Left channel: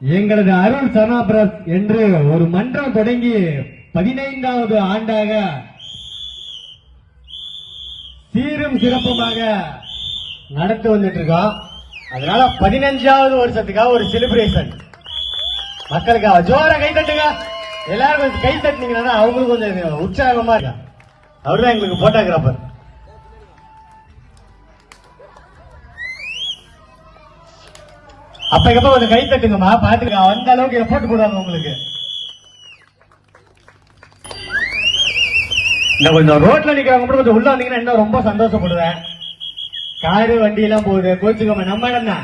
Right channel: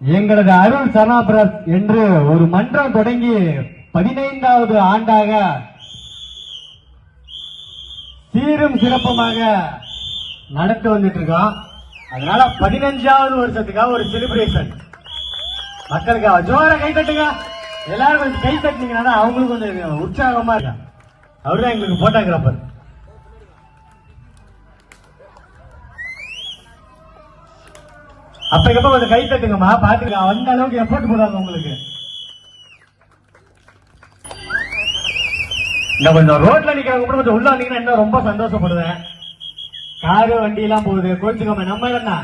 எங்களது அருள் சனாபிரஸ் என்று ஒரு மன்றம் தொடங்கி 15வது ஆண்டாக சீரும் சிறப்புமாக நடத்தி வந்துட்டு இருக்கோம். அதனால 15வது வருஷத்துக்காக ஒரு செலிப்ரேஷன் மக்களுக்காக ஜோர கை தட்டுங்க. எல்லாரும் கொஞ்சம் கை தட்டினீங்கன்னா அவங்களுக்கு கொஞ்சம் உற்சாகமா இருக்கா. அவர்தான் எங்களுக்கு போட்டோகிராஃபர். அப்ப எப்ப கொஞ்சம் கை தட்டுங்கம்மா, பாத்துக்க. அந்த அளவுக்கு எஃபர்ட் போடுறாங்க உங்களுக்கு. நான் கொஞ்சம் ரோட்ல நிக்கிறவங்க கொஞ்சம் உள்ள வந்தீங்கன்னா இன்னும் ரொம்ப சந்தோஷப்படுவேன். காரு வண்டி எல்லாம் போகுது, கோச்சுக்கோங்க. நம்ம என்ன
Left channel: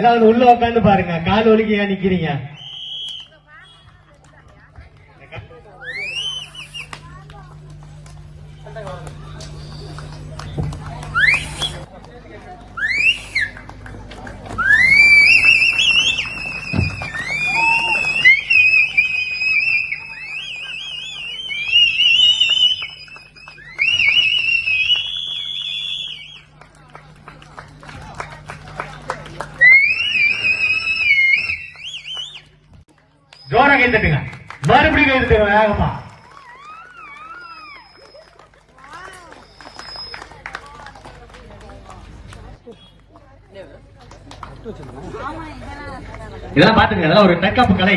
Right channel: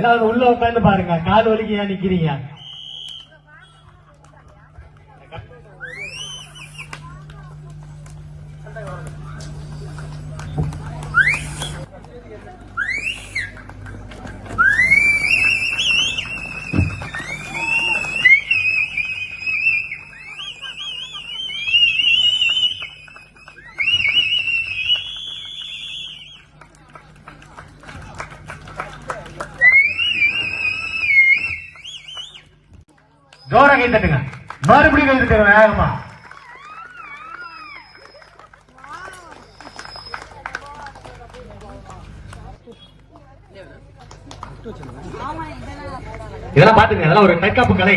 எல்லாம் உள்ள உட்காந்து பாருங்க. கால் வலிக்கு ஏன் நிக்கிறீங்க? ஜோர கை தட்டுங்க. மறுபடியும் கை தட்டுங்க வேகமா. இதெல்லாம் பாத்துங்க. இதெல்லாம் ஒரு தற்காப்பு கலை.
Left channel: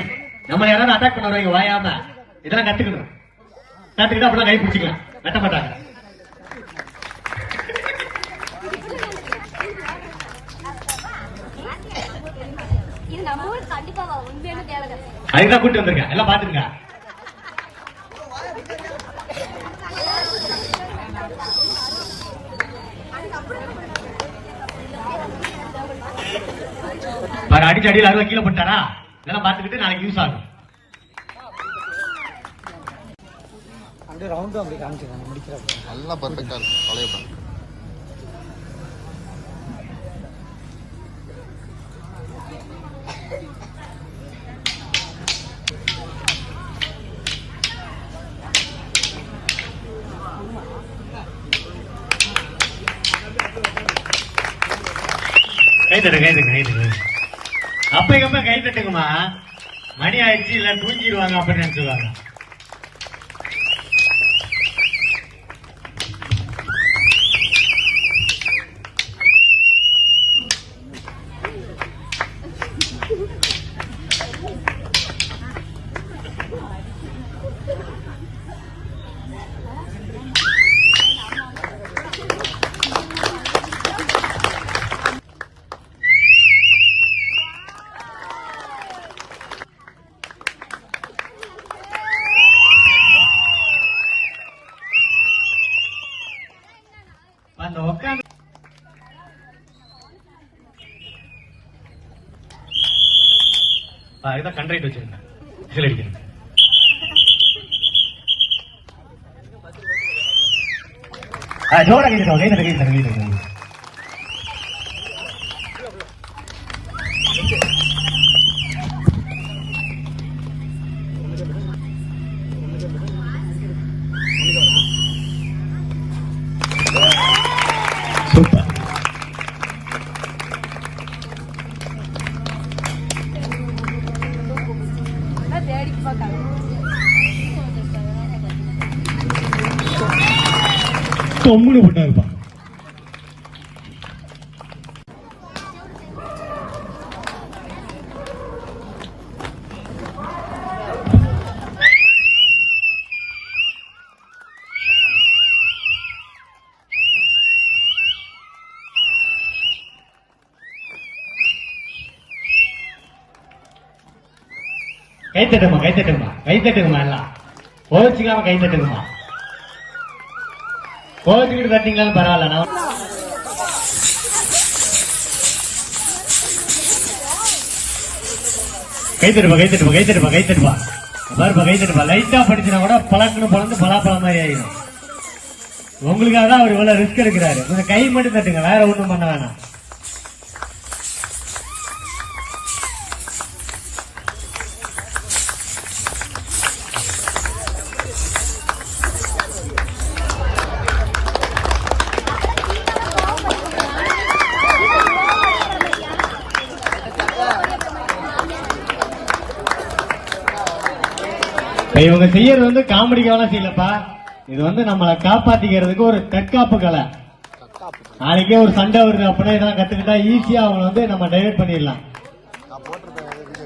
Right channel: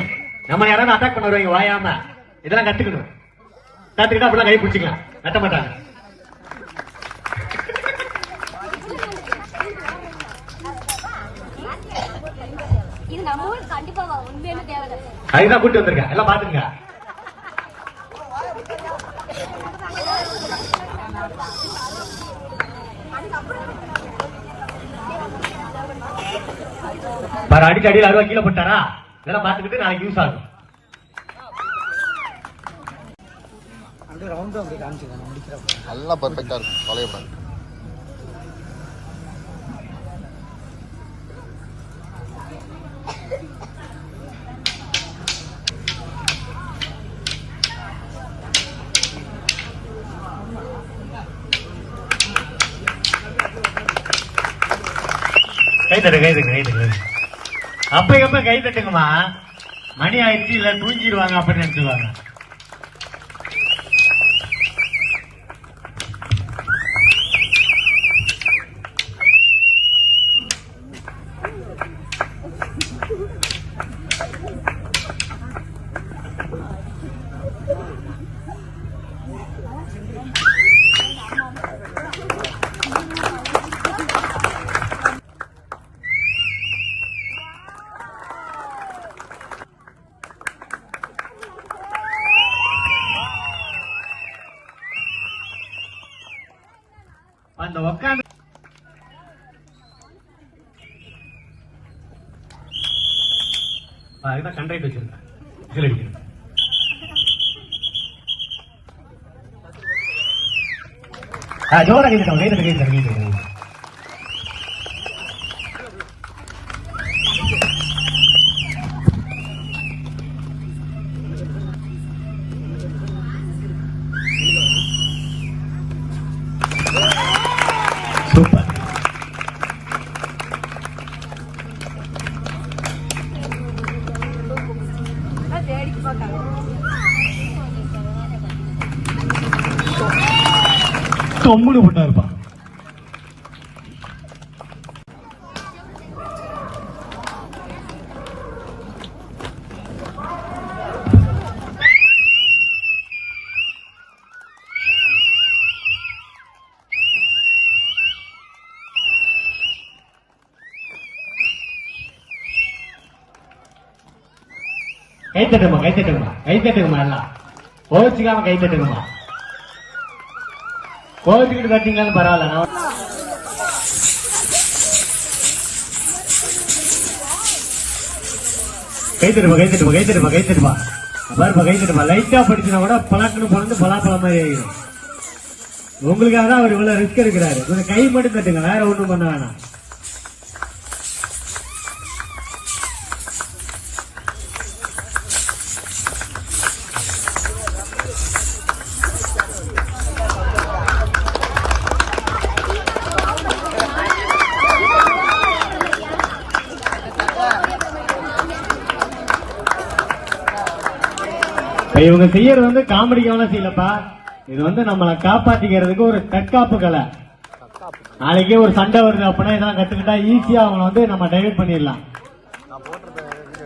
நம்ம யாராவது அட்டாக் பண்ண வருவாங்க வாயாம, இதெல்லாம் கத்துக்கணும். கத்துக்கிட்டா அப்படிலாம் கை பிடிச்சிக்கலாம், கட்ட மாட்டாங்க. அதுதான் கூட்டு வந்திருக்கேன். எல்லாம் பாத்துங்க. அடிச்சு அடியில் அறுவா கீழே போட்டாரா, இதெல்லாம் பாத்துக்கிட்டு நாளைக்கு யூஸ் ஆகும். எல்லாம் பர்ஃபெக்டா இருக்கும். கலையப்படாது. கை தட்டு கை தட்டு கை தட்டு. அப்ப எப்ப கை தட்டுங்கம்மா, மணி ஆயிடுச்சு. இல்ல தூங்கிடுவாங்க அப்ப நினைச்சுவாங்க. அந்த உட்காந்து இதுதான் கண்ட்ரைட் வச்சிருக்கேன். இதில் அடிக்கிறேன். ஜோர கைது கைது கைது கைது. தொம்முனு பண்ணாருப்பா. கை தட்டுமா கை தட்டுமா கை தட்டுமா. எல்லாம் கோச்சிக்காம கை தட்டுமா. கோச்சுக்கிட்டு கட்டிங்களாலும் பரவாயில்ல. கை தட்டுப்பா கை தட்டுப்பா கை தட்டுப்பா கை தட்டுப்பா. பாருப்பா கை தட்டுப்பா. லைட்டா படிச்சுனா கூட பழக்கணும் பிறந்து பலாப்பழம் மாதிரி ஆயிடும். உங்களுக்காக தான் அவர் இவ்வளவு ரிஸ்க் எடுக்கிறாரு. கொஞ்சம் கை மட்டும் தட்டுங்க, வேற ஒண்ணும் பண்ண வேணாம். இவங்க செய்யறது வந்து காமெடிக்காலாம் செய்யலப்பா. இது வந்து நம்மளை காப்பாத்திக்கிறதுக்கு ஒரு தற்காப்பு கலை. நாளைக்கே ஒரு சண்டை வருது அப்படின்னா இதெல்லாம் கத்துக்கிட்டா ஈஸியா அவனை வந்து நம்ம டைவர்ட் பண்ணிடலாம். நான் போட்டிருக்க வீடியோ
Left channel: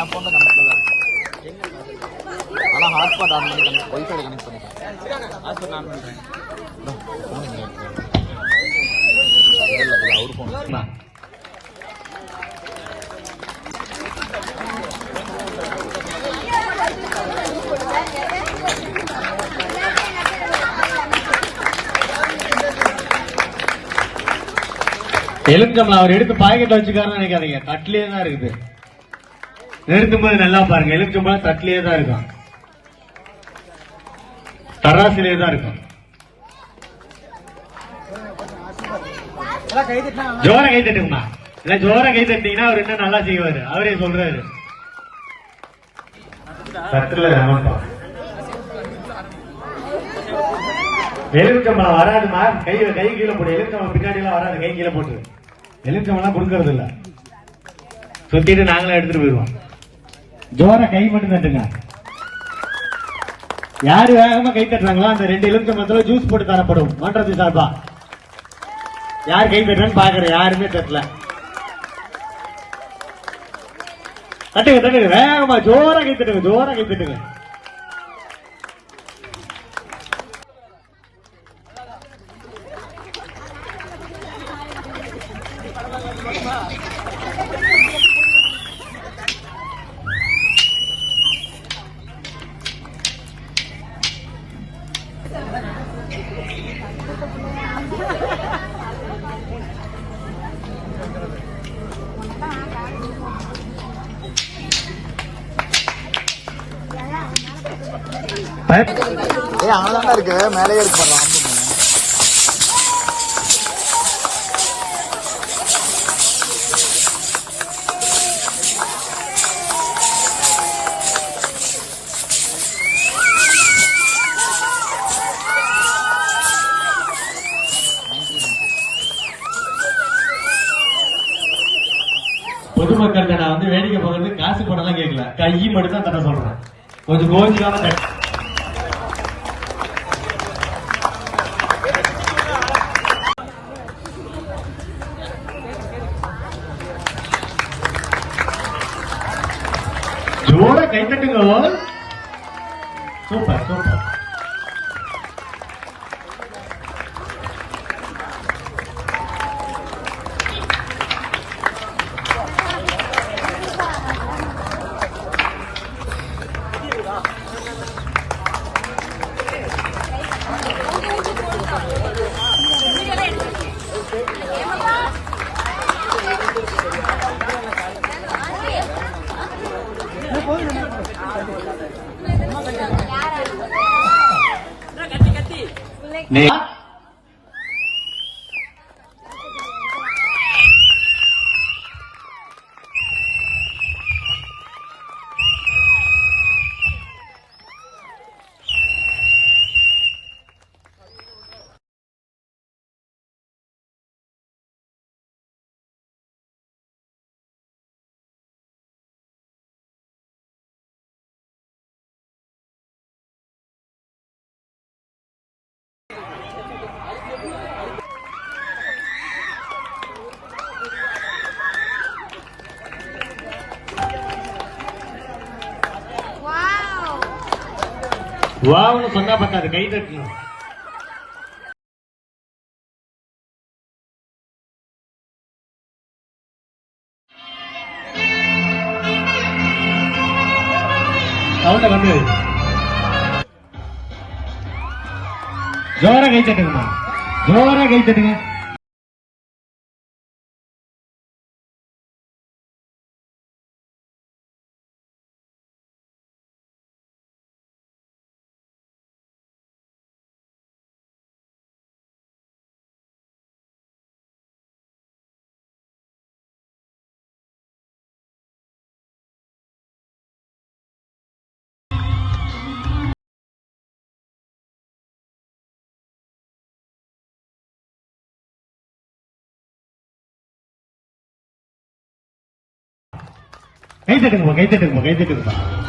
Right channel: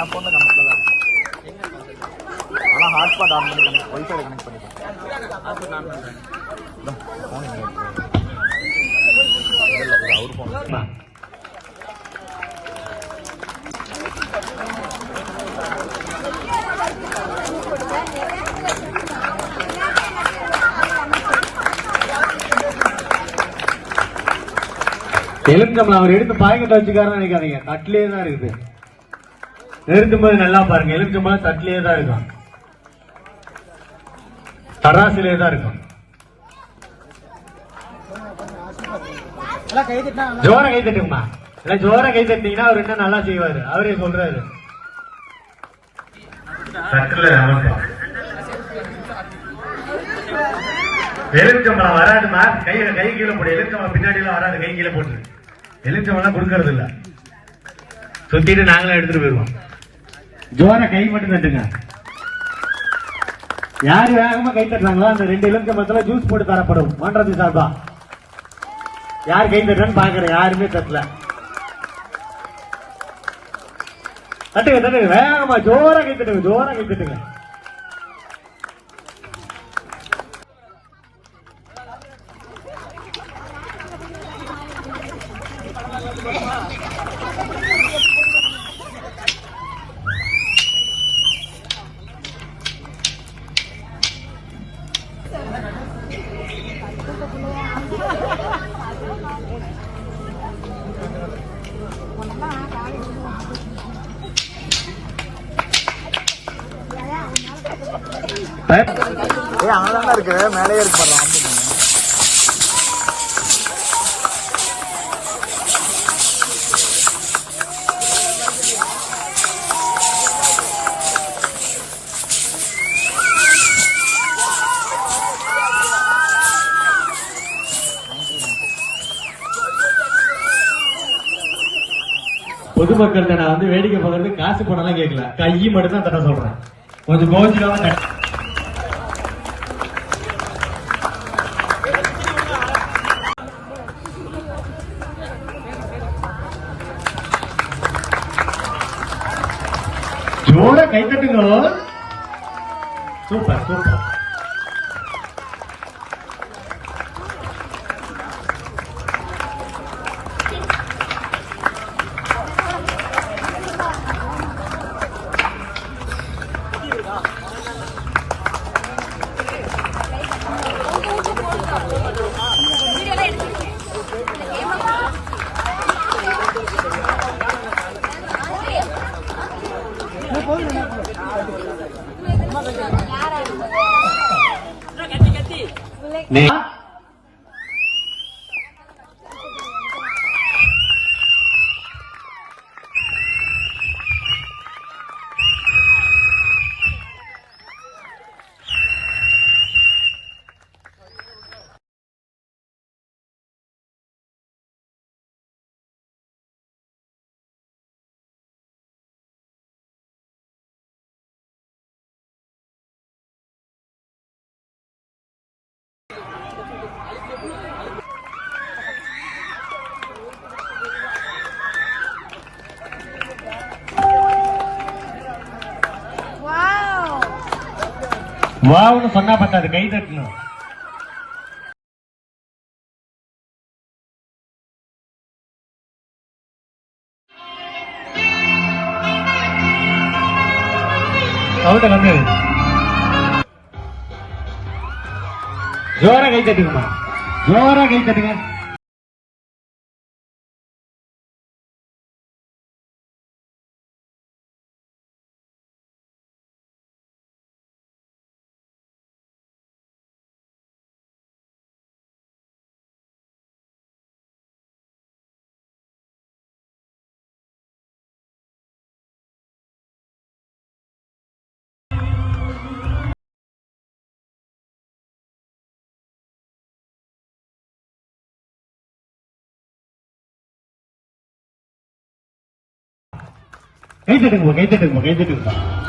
என் போன்ல கனெக்ட்ல தான் இருக்கு. ஆனா ஹாட்ஸ்பாட் ஆன் பண்ணி கனெக்ட் ஒய்ஃபைல கனெக்ட் பண்ணிட்டேன். போன் இல்ல இது அவர் போன். எலுமிச்சம்பழம் அவர் எடுத்து பாக்கெட்ல வச்சுக்காருன்னு நினைக்காதீங்க, தட்டிலேயே தான் இருக்குது. நிறுத்தும் போது நல்லா பாருங்க, எலுமிச்சம்பழம் தட்டிலேயே தான் இருக்கும், தராசிலேயே தான் இருக்கும். ஜோர கை தட்டுமா, இல்ல ஜோர கை தட்டீங்கன்னா அவர் என்ன நல்லா செய்வாரு, அவரே சொல்றாரு. எலுமிச்சம்பழம் வராதுமா, கையில கை கீழே போடு. எலுமிச்சம்பழம் பின்னாடி எல்லாம் வராது, கை கீழே போட்டு. எலுமிச்சம்பழம் கொடுக்கறது இல்ல, சுத்திட்டு நாங்களே எடுத்துட்டு போயிருவோம். ஜோர கை மட்டும் தட்டுங்க. யாரு வேகமா கை தட்டுறாங்களோ அந்த 2 எலுமிச்சம்பழத்துல ஜூஸ் போட்டு தரப்படும் மன்றத்தை சார்பா. யார் கை தட்டுறன்னு பாக்குறேன், யாருமே தட்டல. தட்டுங்க தட்டுங்க, வேகமா ஜோர கை தட்டுங்க, ஜோர கை தட்டுங்க. அங்கதான்டா இருக்கு, மேலேயே இருக்கு பாரு. பொதுமக்கள் நான் வந்து வேடிக்கை பார்க்கறது காசு போடலாம் கேட்கல, கையை மட்டும் தான் தர சொல்றேன். கொஞ்சம் கோவிச்சுக்காம ஜோர கை தட்டுங்க. Super super. வாவன்னு சொன்னா பத்தாது, கை தட்டணும். வந்து ஜோரா கை தட்டுங்கம்மா, ஜோரா கை தட்டுங்க. கை தட்டுங்க, கை தட்டுங்க, கை தட்டுங்க.